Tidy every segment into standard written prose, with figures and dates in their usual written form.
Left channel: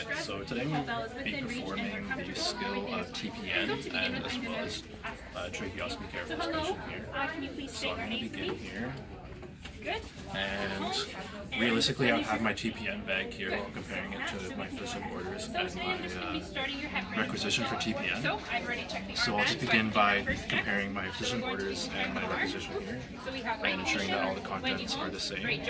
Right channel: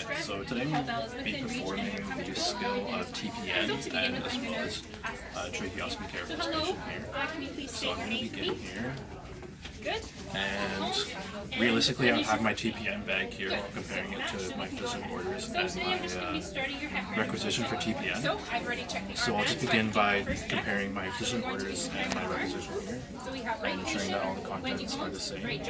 Alright, so today we'll be performing the skill of TPN and as well as tracheostomy care for this patient here. So I'm going to begin here. And realistically, I would have my TPN bag here while comparing it to my physician orders and my requisition for TPN. So I'll just begin by comparing my physician orders and my requisition here and ensuring that all the contents are the same.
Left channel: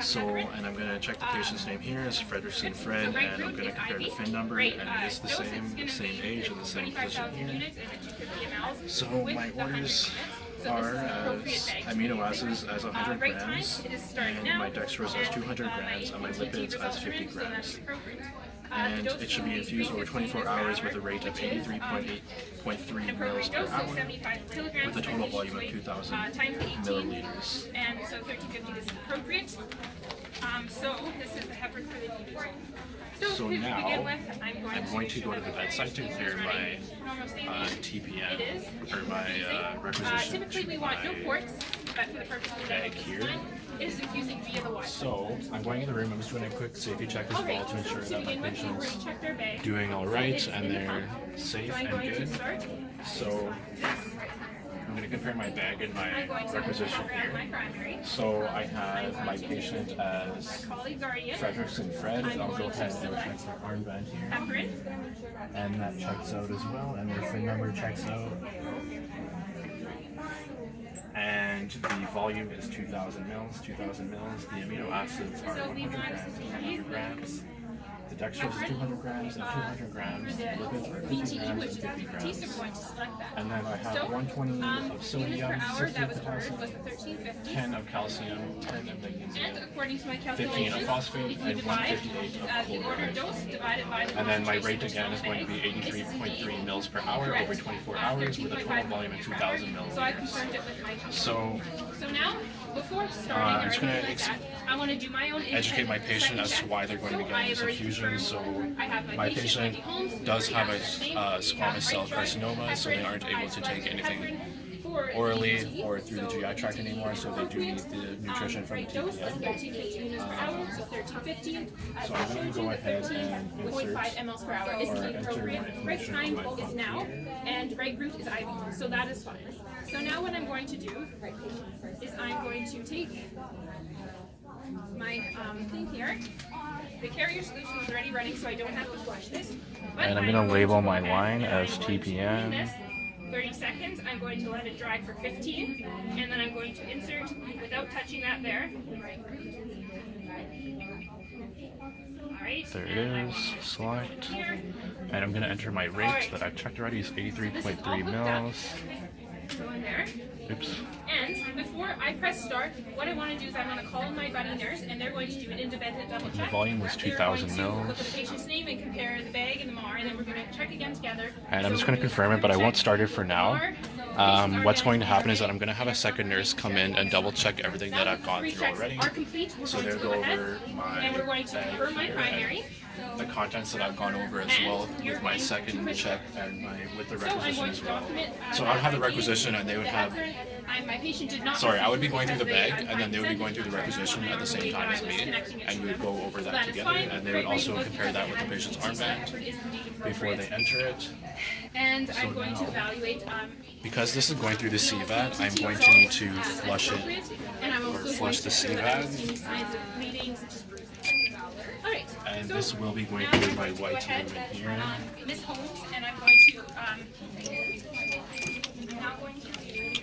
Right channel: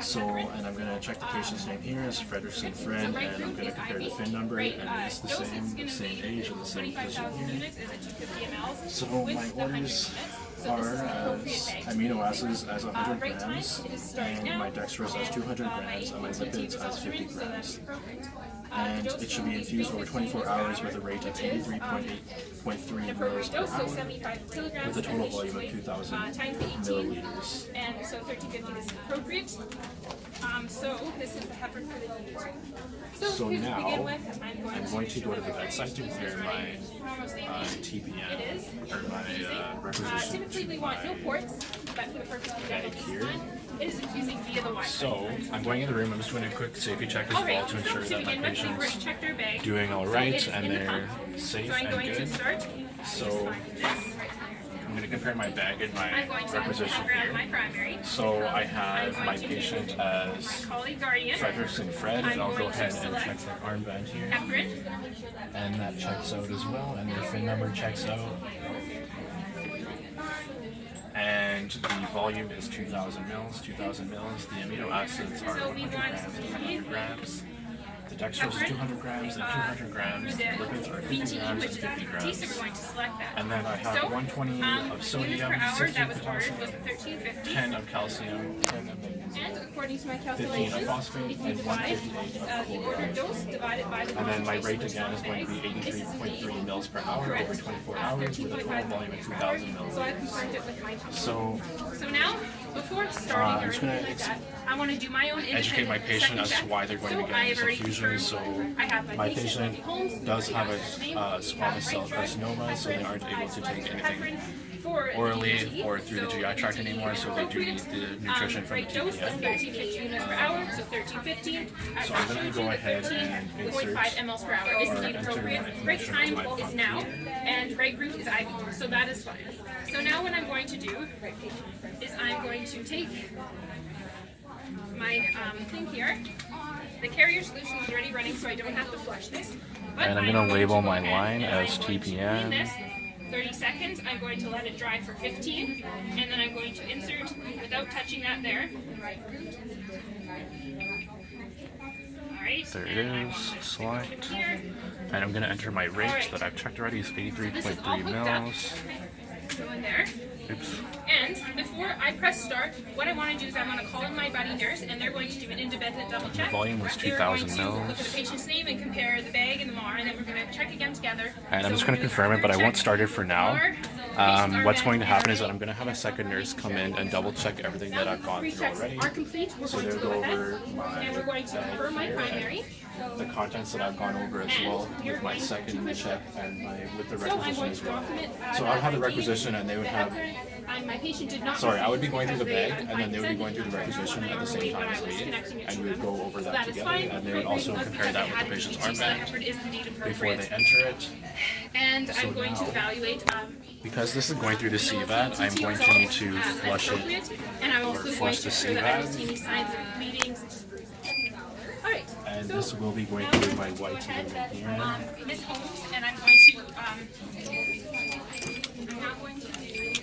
So, and I'm going to check the patient's name here as Frederickson Fred, and I'm going to compare the FIN number, and it is the same age and the same physician here. So my orders are as amino acids as 100 grams, and my dextrose as 200 grams, and my lipids as 50 grams. And it should be infused over 24 hours with a rate of 83.3 mils per hour, with a total volume of 2,000 milliliters. And so 1350 is appropriate. So this is the heparin for the report. So now I'm going to go to the bedside to compare my TPN, or my requisition typically we want no ports, but for the purpose of the bag here. it is infusing via the Wi-Fi. So I'm going in the room, I'm just doing a quick safety check as well to ensure that my patient's doing all right and they're safe and good. So I'm going to compare my bag and my requisition here. So I have my patient as Frederickson Fred, and I'll go ahead and check their armband here. And that checks out as well, and their FIN number checks out. And the volume is 2,000 mils. The amino acids are 100 grams and 100 grams. The dextrose is 200 grams and 200 grams. The lipids are 50 grams and 50 grams. And then I have 120 of sodium, 60 of potassium, 10 of calcium, 10 of magnesium, 15 of phosphate, and 158 of chloride. And then my rate again is going to be 83.3 mils per hour over 24 hours with a total volume of 2,000 milliliters. So now, before starting I'm just going to I want to do my own educate my patient as to why they're going to be getting this infusion. So my patient does have a squamous cell carcinoma, so they aren't able to take anything orally or through the GI tract anymore, so they do need the nutrition from the TPN. So I'm going to go ahead and insert or enter my information into my pump here. And right root is IV, so that is fine. So now what I'm going to do is I'm going to take my thing here. The carrier solution is already running, so I don't have to flush this. But And I'm going to label my line as TPN. 30 seconds, I'm going to let it dry for 15, and then I'm going to insert without touching that there. Alright. There it is, select. And I'm going to enter my rate that I've checked already is 83.3 mils. Go in there. Oops. And before I press start, what I want to do is I want to call in my buddy nurse, and they're going to do an independent double check. The volume was 2,000 They're going to look at the mils. patient's name and compare the bag and the MAR, and then we're going to check again together. And I'm just going to confirm it, but I won't start it for now. What's going to happen is that I'm going to have a second nurse come in and double check everything that I've gone through already. So they'll go over my bag here, the contents that I've gone over as well with my second check and with the requisition as well. So I'll have the requisition and they would have, I would be going through the bag and then they would be going through the requisition at the same time as me, and we would go over that together, and they would also compare that with the patient's armband before they enter it. And I'm going to evaluate because this is going through the CVAD, I'm going to need to flush it or flush the CVAD. And this will be going through my white lumen here. Miss Holmes, and I'm going to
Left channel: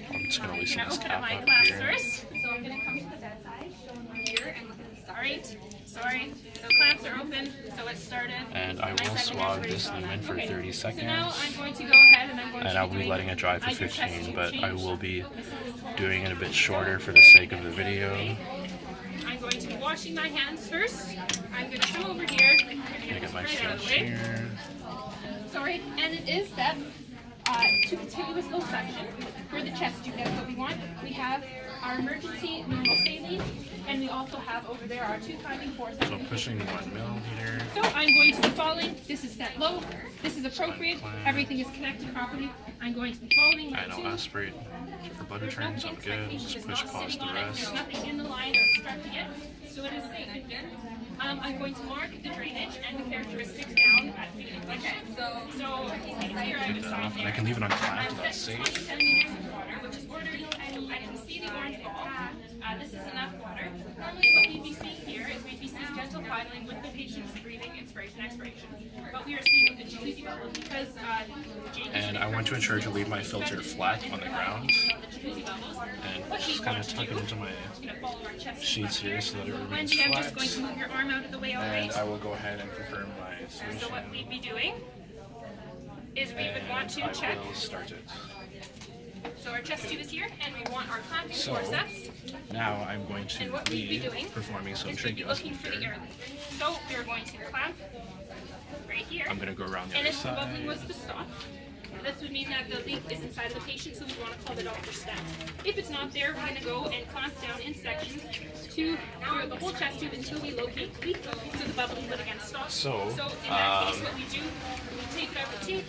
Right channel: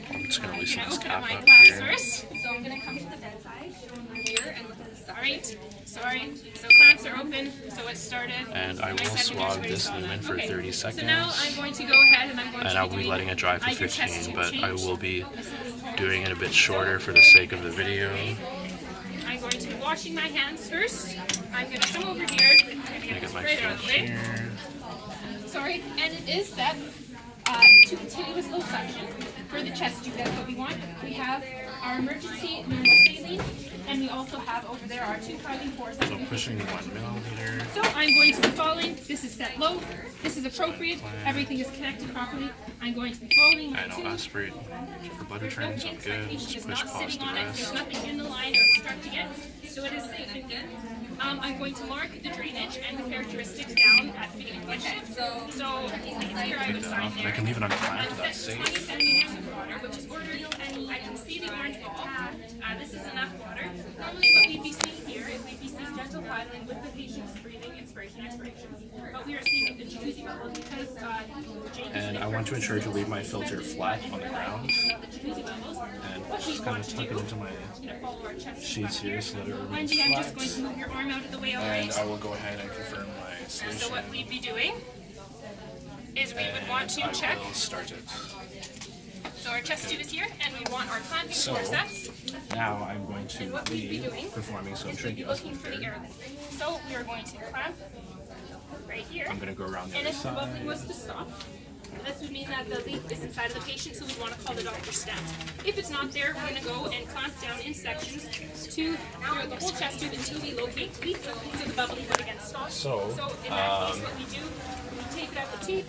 I'm just going to loosen this cap my up class here. first. So I'm going to come to the bedside here and look at the side. Sorry. So clamps are open, so it started. And I will swab this lumen for 30 seconds. So now I'm going to go ahead and I'm going to I'll be letting it dry for 15, but I will be doing it a bit shorter for the sake of the video. I'm going to be washing my hands first. I'm going to come over here and Get my right out of the fish way. here. Sorry, and it is set to continuous low suction for the chest tube. That's what we want. We have our emergency normal saline, and we also have over there our 254. So pushing 1 milliliter. So I'm going to be following. This is set low. This is appropriate. Everything is connected properly. I'm going to be following. And I'll aspirate for butter turns. I'm good. Just push pause the rest. There's nothing in the line or obstructing it, so it is safe and good. I'm going to mark the drainage and the characteristics down at the beginning of the shift. So here I would sign there. I can leave it on clamped, I've that's set safe. 20 centimeters of water, which is ordered, and I can see the orange ball. This is enough water. Normally what we'd be seeing here is we'd be seeing gentle filing with the patient's breathing, inspiration, expiration. But we are seeing a jacuzzi bubble because Jake And I want to ensure to leave my filter flat on the ground the jacuzzi bubbles. and just kind of tuck it into my Follow our chest sheets here so that it behind remains you. I'm just going flat. to move your arm out of the way And always. I will go ahead and confirm my So solution. what we'd be doing is we would want And to check. I will start it. So our chest tube is here, and we want our clamping So forceps. now I'm going to And what we'd be be doing performing some is we'd be looking tracheostomy for the care. airline. So we are going to clamp right here. I'm going to go around the And other if the bubbling side. was to stop, this would mean that the leak is inside of the patient, so we want to call the doctor stat. If it's not there, we're going to go and clamp down in sections to through the whole chest tube until we locate the leak, so the bubbling would again stop. So, in that case, what we do, we take it out the tape.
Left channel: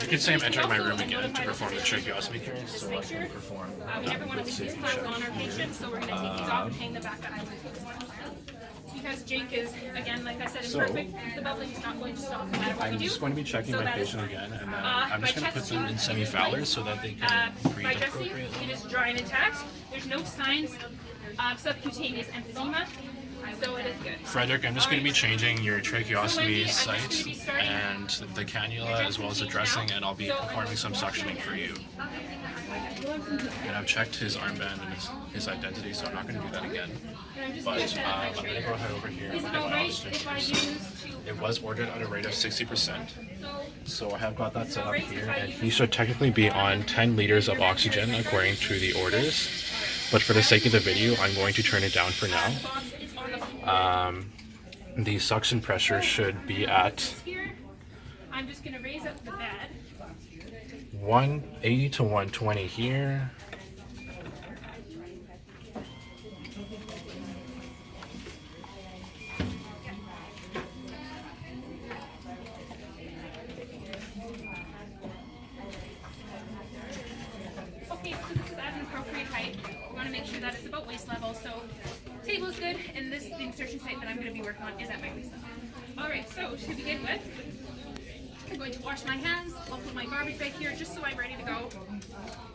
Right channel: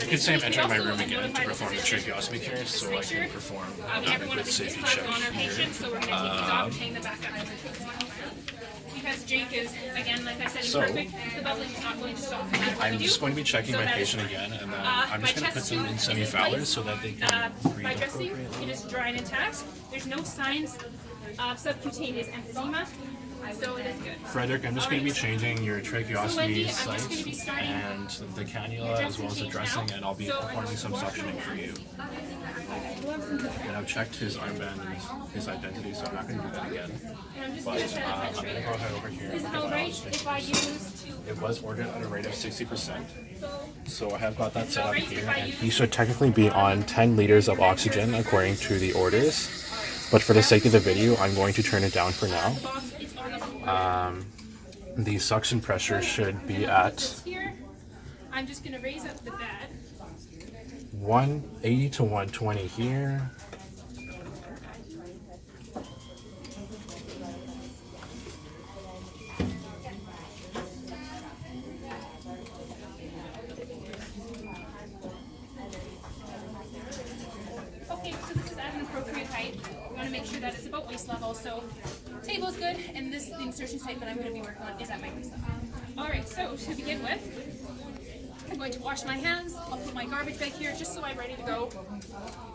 You could say I'm entering my room again to perform the tracheostomy care so I can perform an Every one of adequate these safety implants check on our here. patient, so we're going to take these off and hang them back up. Because Jake is, again, like I said, So, imperfect, the bubbling is not going to stop no matter what I'm we do. just going to be checking So my that is patient again, and then I'm just my going to put chest them tube in is semi-fowlers placed. so that they can By breathe dressing, it appropriately. is dry and intact. There's no signs of subcutaneous emphysema, so it is good. Frederick, I'm just going to be changing your So tracheostomy Wendy, I'm just going to be site starting and the cannula as well as the dressing, and I'll be performing some suctioning for you. And I've checked his armband and his identity, so I'm not going to do that again. But I'm going to go ahead over here and Is look it at what I alright was if I use It was ordered at a rate of 60%. So I have got that set up alright here, if I and use he should technically be on 10 liters of oxygen according to the orders. But for the sake of the video, I'm going to turn it down for now. The suction pressure should be at here? I'm just going to raise up the bed. 180 to 120 here. Okay, so this is at an appropriate height. We want to make sure that it's about waist level. So table's good, and this the insertion site that I'm going to be working on is at my waist level. All right, so to begin with, I'm going to wash my hands. I'll put my garbage bag here just so I'm ready to go.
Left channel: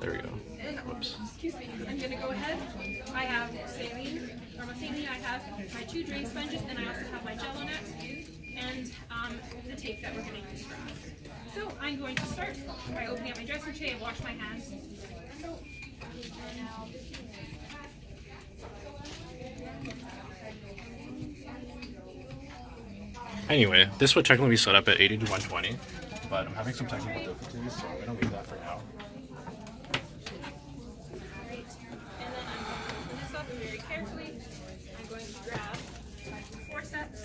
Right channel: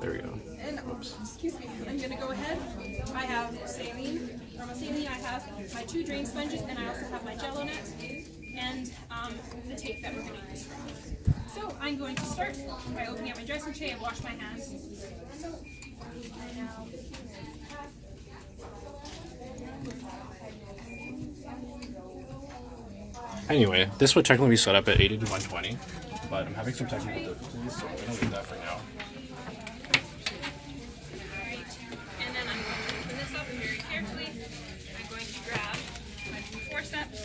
There we go. And excuse me, I'm going to go ahead. I have saline, I have my 2 drain sponges, and I also have my Jello net and the tape that we're going to use for us. So I'm going to start by opening up my dressing tray and wash my hands. Anyway, this would technically be set up at 80 to 120, but I'm having some technical difficulties, so I'm going to leave that for now. Alright, and then I'm going to open this up very carefully. I'm going to grab my forceps.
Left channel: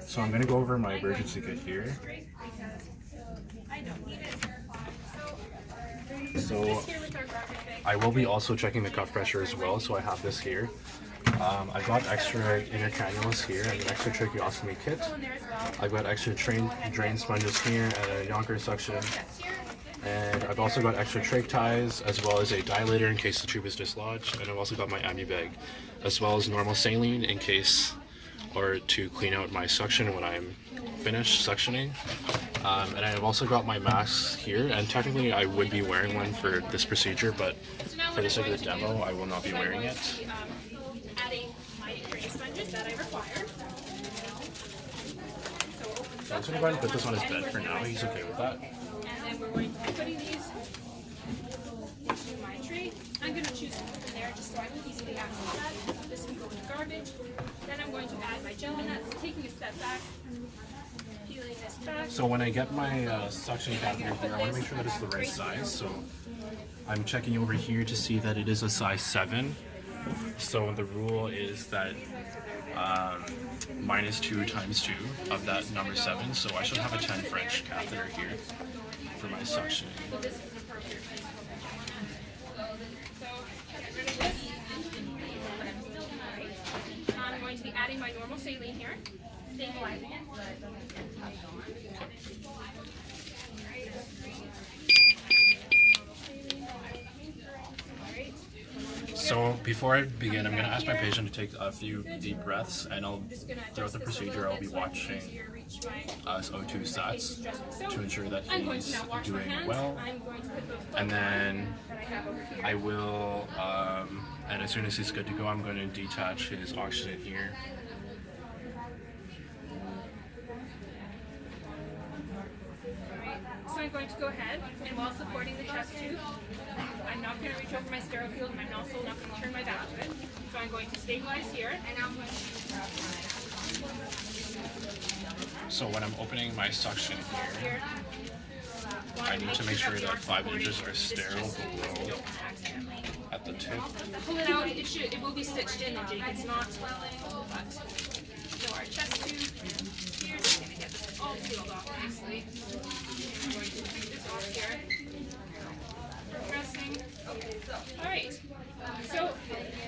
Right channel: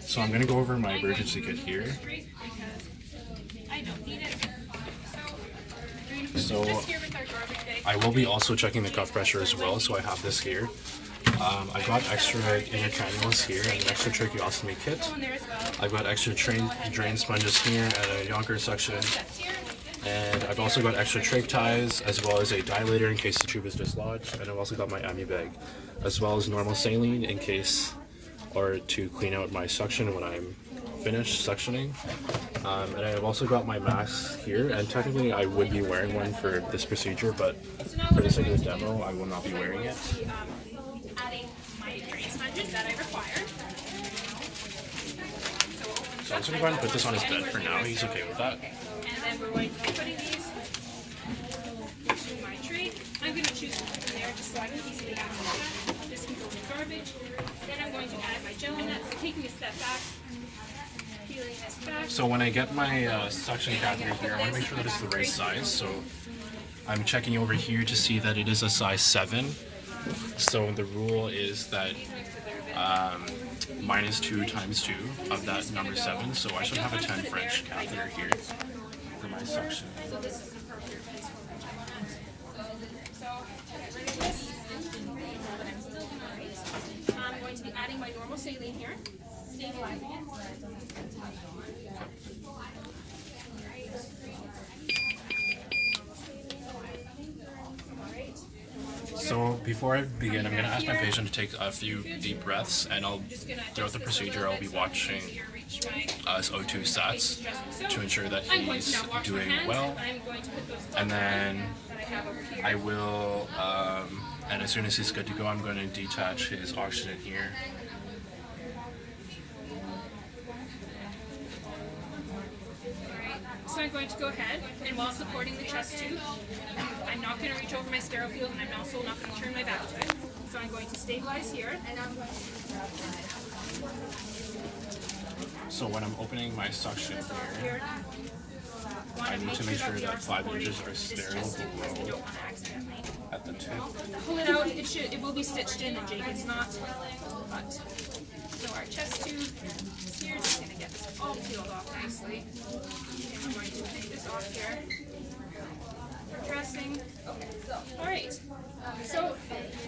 So I'm going to go over my emergency kit here. Straight because I don't need it. So Just here with our garbage bag. I will be also checking the cuff pressure as well, so I have this here. I've got extra inner cannulas here and an extra tracheostomy kit. In there as well. I've got extra drain sponges here and a Yonker suction. That's here. And I've also got extra trach ties as well as a dilator in case the tube is dislodged. And I've also got my ambu bag as well as normal saline in case or to clean out my suction when I'm finished suctioning. And I've also got my mask here, and technically I would be wearing one for this procedure, but for the sake of the demo I will not be wearing it. Adding my drain sponges that I require. So I'm just going to go ahead and put this on his bed for now. He's okay with that. And then we're going to be putting these into my tray. I'm going to choose from there just so I can easily access it. This can go in garbage. Then I'm going to add my jello nuts, taking a step back, peeling this back. So when I get my suction catheter here, I want to make sure that it's the right size. So I'm checking over here to see that it is a size 7. So the rule is that minus 2 times 2 of that number 7. So I should have a 10 French catheter here for my suction. So this is an appropriate place for my jello nuts. So get rid of this. But I'm still alright. I'm going to be adding my normal saline here, stabilizing it. So Before I begin, I'm going to ask my patient to take a few deep breaths, and throughout the procedure, I'll be watching his O2 stats to ensure that he's doing well. And then I will, and as soon as he's good to go, I'm going to detach his oxygen here. So I'm going to go ahead, and while supporting the chest tube, I'm not going to reach over my sterile field, and I'm also not going to turn my back to it. So I'm going to stabilize here. So when I'm opening my suction here, I need to make sure that 5 inches are sterile below at the tip. Pull it out. It will be stitched in, and Jake, it's not. But so our chest tube here, just going to get this all peeled off nicely. I'm going to take this off here. Dressing. All right. So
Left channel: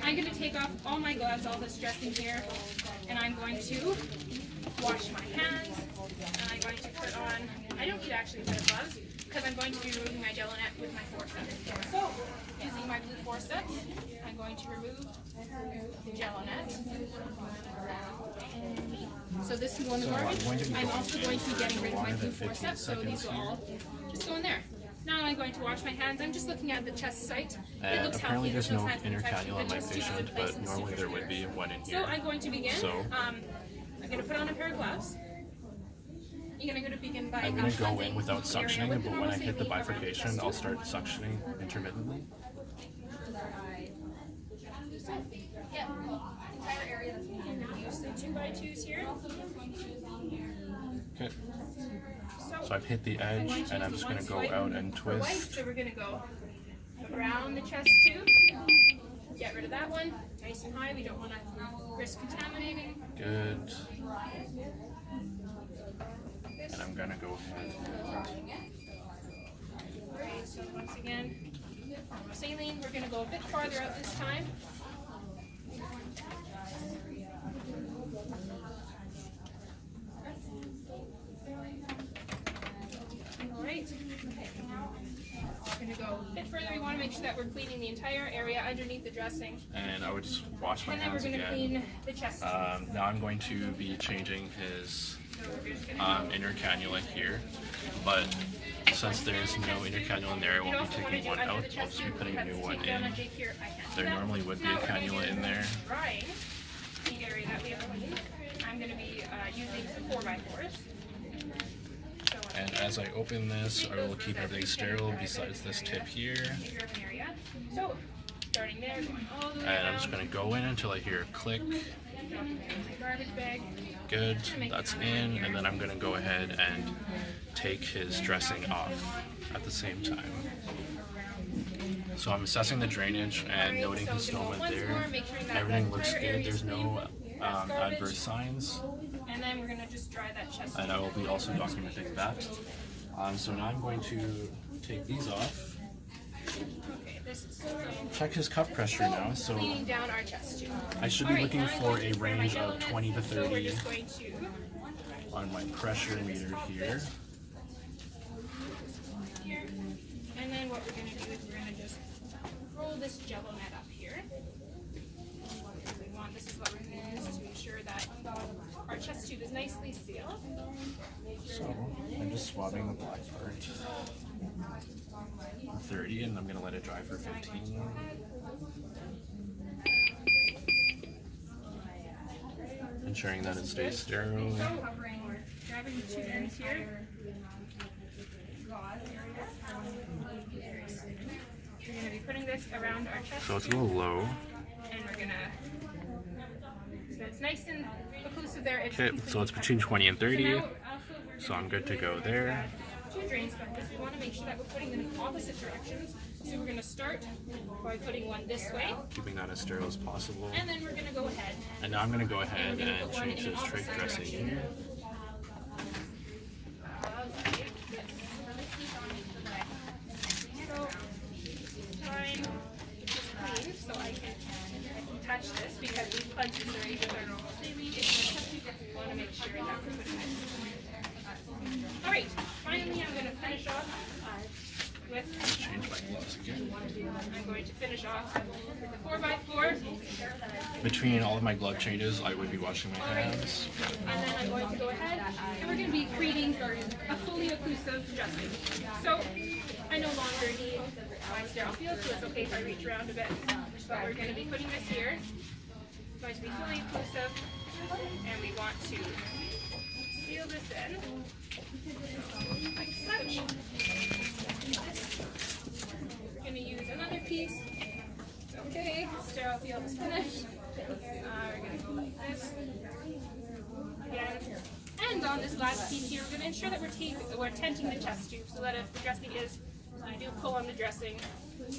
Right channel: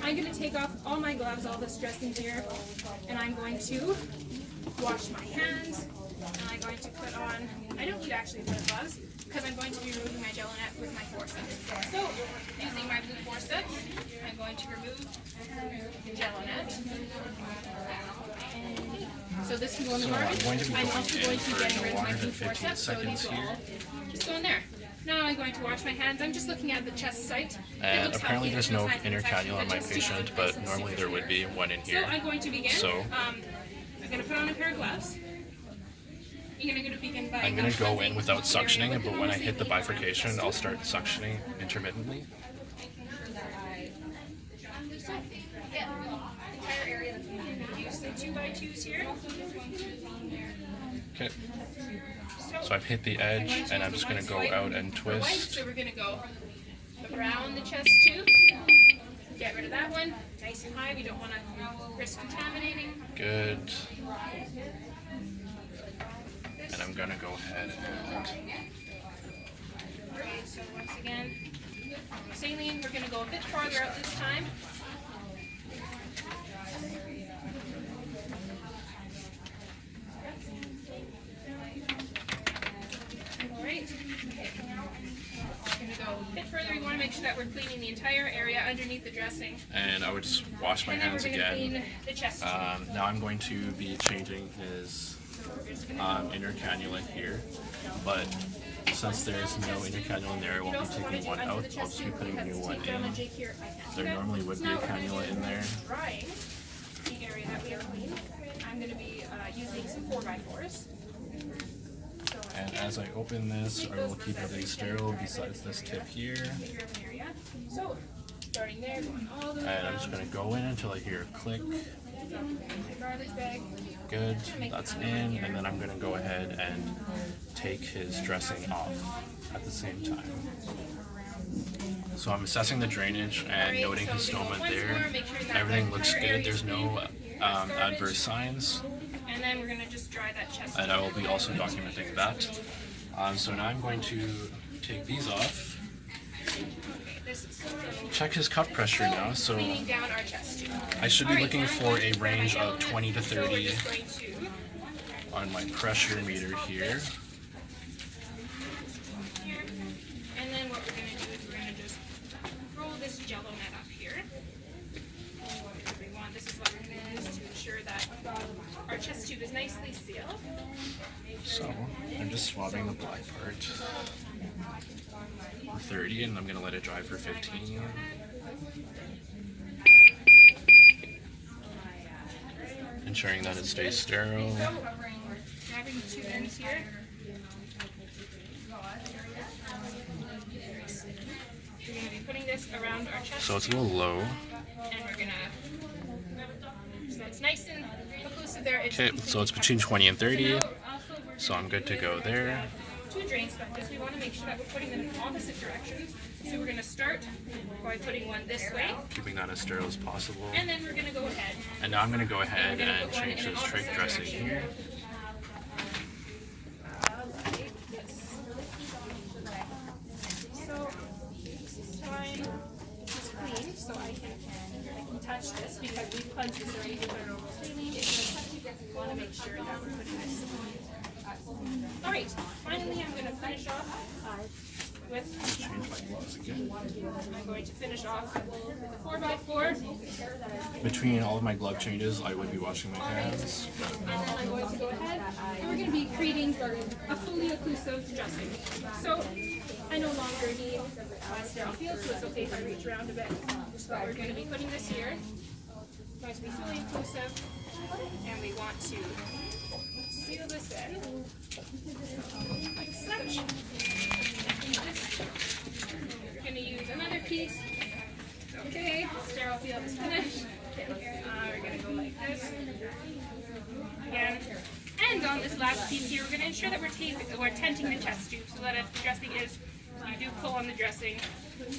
I'm going to take off all my gloves, all this dressing here, and I'm going to wash my hands. And I'm going to put on. I don't need actually a set of gloves because I'm going to be removing my gelonette with my forceps. So using my blue forceps, I'm going to remove the gelonette. So this can go in the garbage. I'm going to be going also in going to be for getting no rid of my longer blue than 15 forceps, so seconds these will here. all just go in there. Now I'm going to wash my hands. I'm just looking at the chest site. And apparently there's no inner cannula on my patient, but normally there would be one in here. So I'm going to begin. So I'm going to put on a pair of gloves. You're going to begin by I'm going to go in without suctioning, but when I hit the bifurcation, I'll start suctioning intermittently. Use the 2x2s here. Okay. So I've hit the edge, and I'm just going to go out and twist. So we're going to go around the chest tube. Get rid of that one. Nice and high. We don't want to risk contaminating. Good. And I'm going to go ahead and... Okay, so once again, saline, we're going to go a bit farther out this time. Alright. We're going to go a bit further. We want to make sure that we're cleaning the entire area underneath the dressing. And I would just wash my hands And then we're going to again. clean the chest. Now I'm going to be changing his inner cannula here, but since there's no inner cannula in there, I won't be taking one out. I'll just be putting a new one in. There normally would be a cannula in there. Drying the area that we have cleaned, I'm going to be using some 4x4s. And as I open this, I will keep everything sterile besides this tip here. So, starting there, going all the way And I'm just going to go in until I hear a click. my garbage bag. Good, that's in, and then I'm going to go ahead and take his dressing off at the same time. So I'm assessing the drainage and noting his stoma there. Everything looks good, there's no adverse signs. And then we're going to just dry that chest. And I will be also documenting that. So now I'm going to take these off. Check his cuff pressure now. So Cleaning down our chest tube. I should be looking for a range of 20 to 30 on my pressure meter here. And then what we're going to do is we're going to just roll this gelonette up here. Because we want, this is what we're going to use to ensure that our chest tube is nicely sealed. So I'm just swabbing the black part for 30, and I'm going to let it dry for 15. Ensuring that it stays sterile. Grabbing the 2 ends here. We're going to be putting this around our chest. So it's a little low. And we're going to, so it's nice and occlusive there. Okay, so it's between 20 and 30. So I'm good to go there. 2 drain sponges. We want to make sure that we're putting them in opposite directions. So we're going to start by putting one this way. Keeping that as sterile as possible. And then we're going to go ahead. And now I'm going to go ahead and change this trach dressing here. So this time it's just clean, so I can touch this because we've cleansed this already with our normal saline. We want to make sure that we're putting this. Alright, finally I'm going to finish off with, Change my gloves again. I'm going to finish off with a 4x4. Between all of my glove changes, I would be washing my hands. And then I'm going to go ahead and we're going to be creating a fully occlusive dressing. So I no longer need my sterile field, so it's okay if I reach around a bit. But we're going to be putting this here. It's going to be fully occlusive, and we want to seal this in like such. We're going to use another piece. It's okay. Sterile field is finished. We're going to go like this. Again. And on this last piece here, we're going to ensure that we're tenting the chest tube so that if the dressing is, you do pull on the dressing,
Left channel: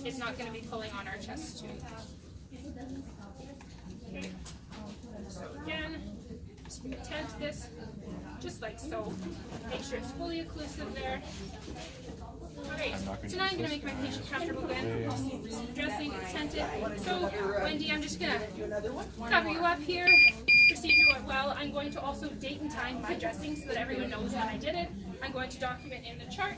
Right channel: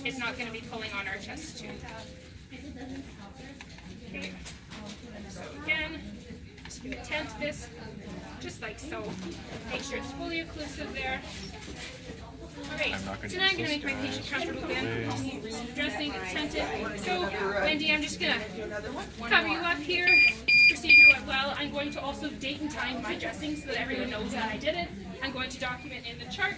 it's not going to be pulling on our chest tube. Okay. So again, just going to tent this just like so. Make sure it's fully occlusive there. Alright, so now I'm going to make my patient comfortable again. The dressing is tented. So, Wendy, I'm just going to cover you up here. Procedure went well. I'm going to also date and time my dressing so that everyone knows that I did it. I'm going to document in the chart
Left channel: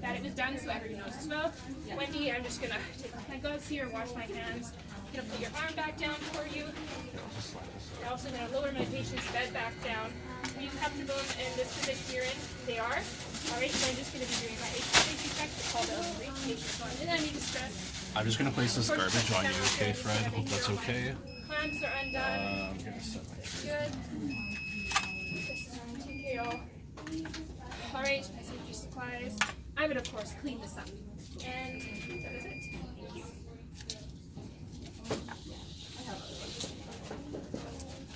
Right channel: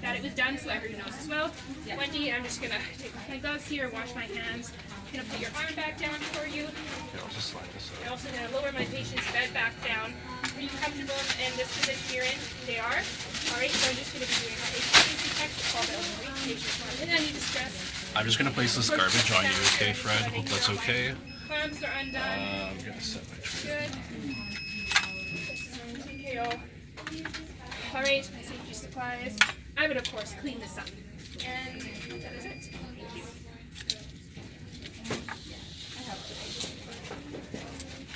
that it was done so everyone knows as well. Wendy, I'm just going to take off my gloves here, wash my hands. I'm going to put your arm back down for you. Okay, I'll just slide this I'm up. also going to lower my patient's bed back down. Are you comfortable in this position you're in? They are. Alright, so I'm just going to be doing my HPC check to call out patients in any distress. I'm just going to place this garbage on you, okay, Fred? Hope that's okay. Clamps are undone. I'm going to set my tray. Good. This is on TKO. Alright, safety supplies. I would, of course, clean this up. And that is it. Thank you.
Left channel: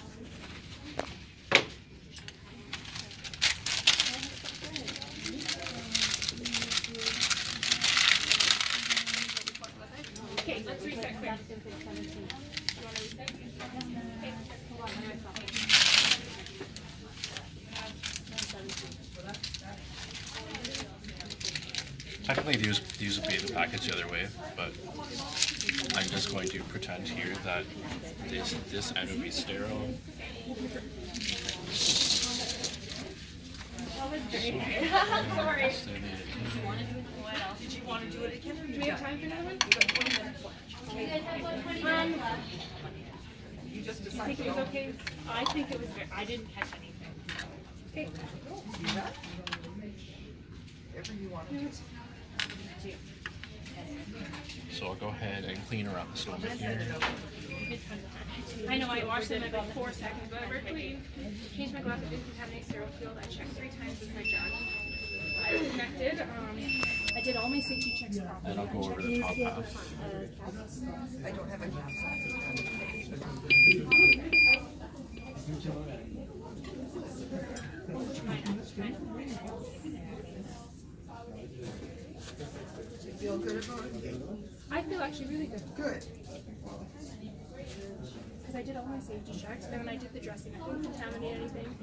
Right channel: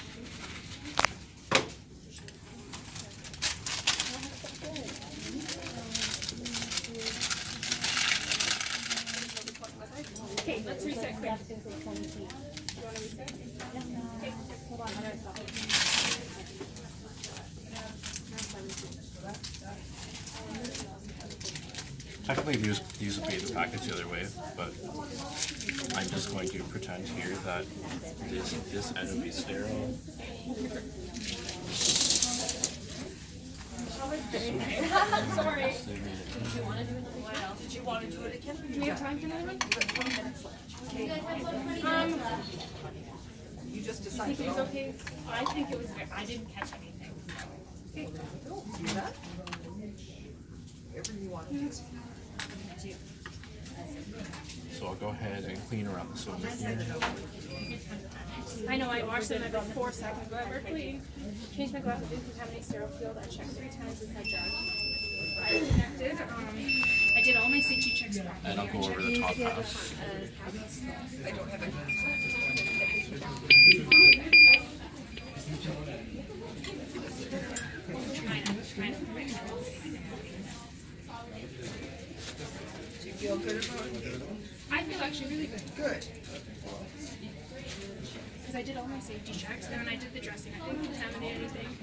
Okay, let's reset quick. You want to reset? Okay. Technically, these would be the package the other way, but I'm just going to pretend here that this end would be sterile. Sorry. So they made it. Do we have time for another one? You just I decided. think it was okay. I think it was good. I didn't catch anything. Okay. See that? Whatever you want to do. So I'll go ahead and clean around the stone here. I know I washed them every 4 seconds, but we're clean. Change my glasses, didn't contaminate sterile field. I checked 3 times with my jug. I was connected. I did all my safety checks properly. And I'll go over the top half. I don't have a. Do you feel good about it? I feel actually really good. Good. Because I did all my safety checks, and then I did the dressing. I didn't contaminate anything.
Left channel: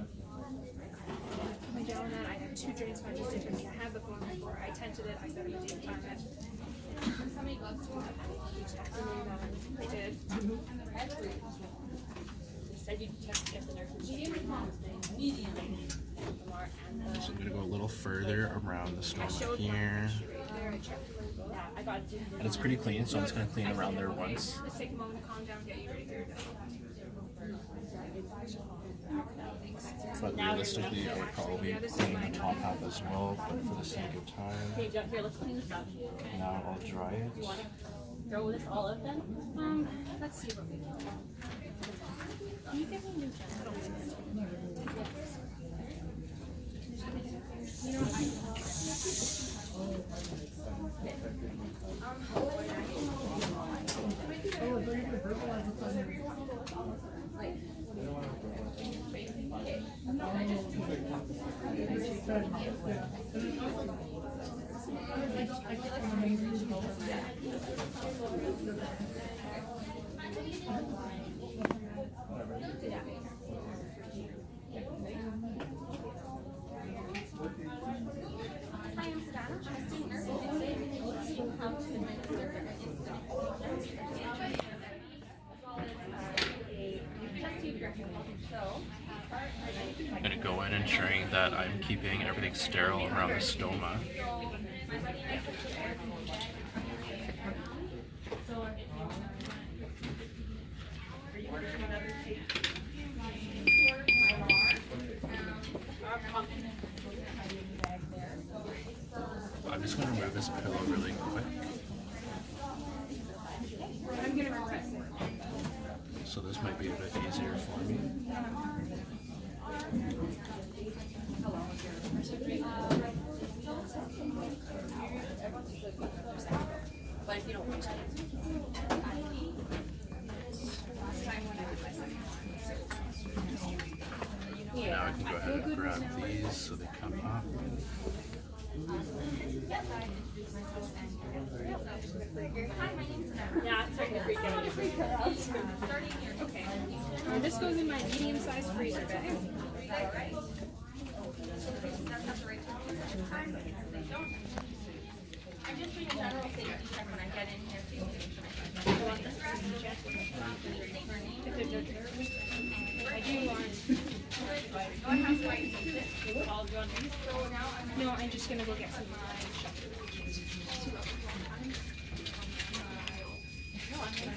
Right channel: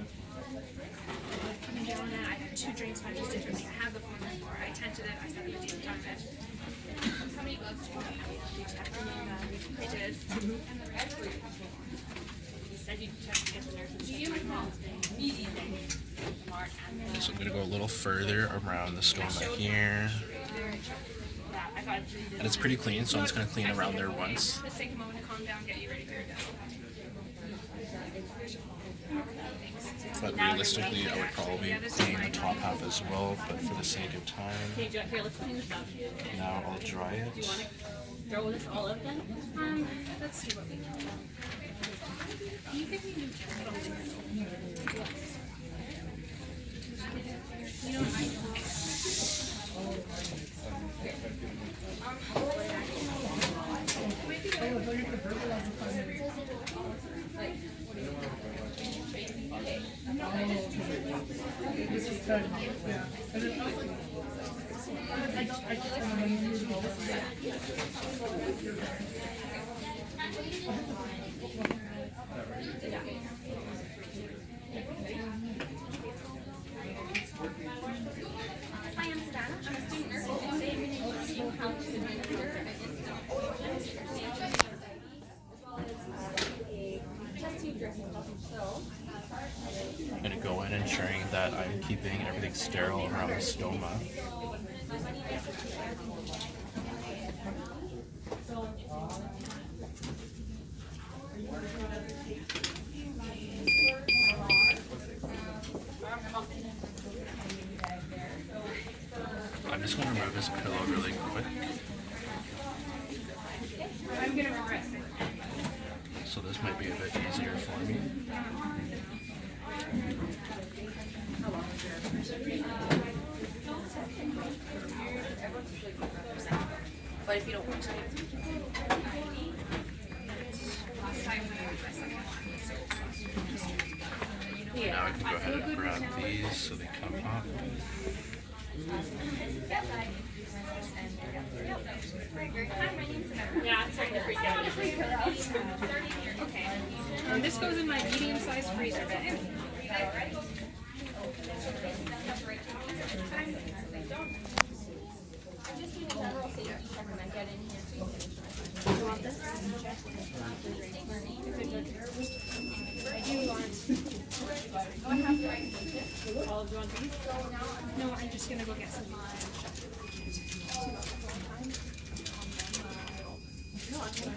Coming down and I had 2 drain sponges differently. I had the phone before. I tented it. I said I didn't time it. How many gloves do you have? You checked them and I did. You said you checked to get the nurses. Do you? So I'm going to go a little further around the stoma here. And it's pretty clean, so I'm just going to clean around there once. Let's take a moment to calm down, get you ready for your day. But realistically, I would probably clean the top half as well, but for the sake of time, Okay, here, let's clean this up. now I'll dry it. You want to throw this all up then? Let's see what we can do. Can you give me new jacket? You know, I Hi, I'm Savannah. I'm a student nurse, and today I'm going to teach you how to administer an instant as well as a chest tube dressing. So, I'm going to go in ensuring that I'm keeping everything sterile around the stoma. I'm just going to remove this pillow really quick. I'm gonna regress it. So this might be a bit easier for me. But if you don't want to. Now I can go ahead and grab these so they come up. Yeah, it's starting to freak out. Okay. This goes in my medium-sized freezer bag. I'm just doing a general safety check when I get in here too. You want this? I do want. All do you want these? No, I'm just gonna go get some.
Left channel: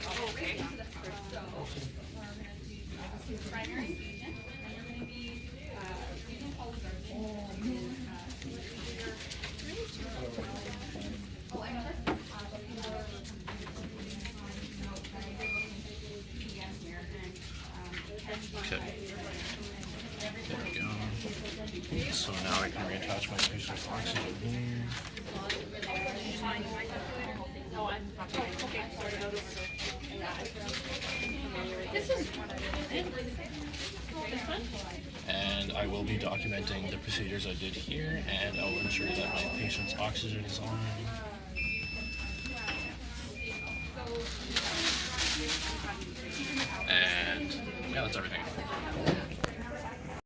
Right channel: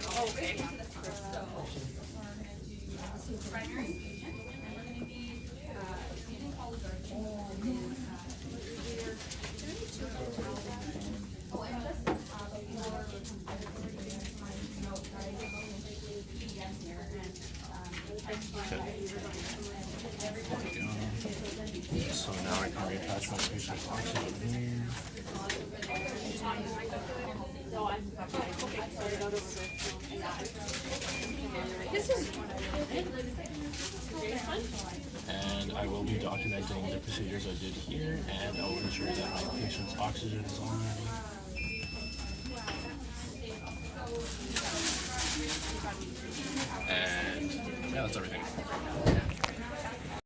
Oh, okay. Primary agent, and we're going to be using polygarden. Oh, and just before I note that I did look into TPN here, and Okay. There we go. So now I can reattach my patient's oxygen here. No, I'm okay. Sorry, out over This is. And I will be documenting the procedures I did here, and I'll ensure that my patient's oxygen is on. And yeah, that's everything.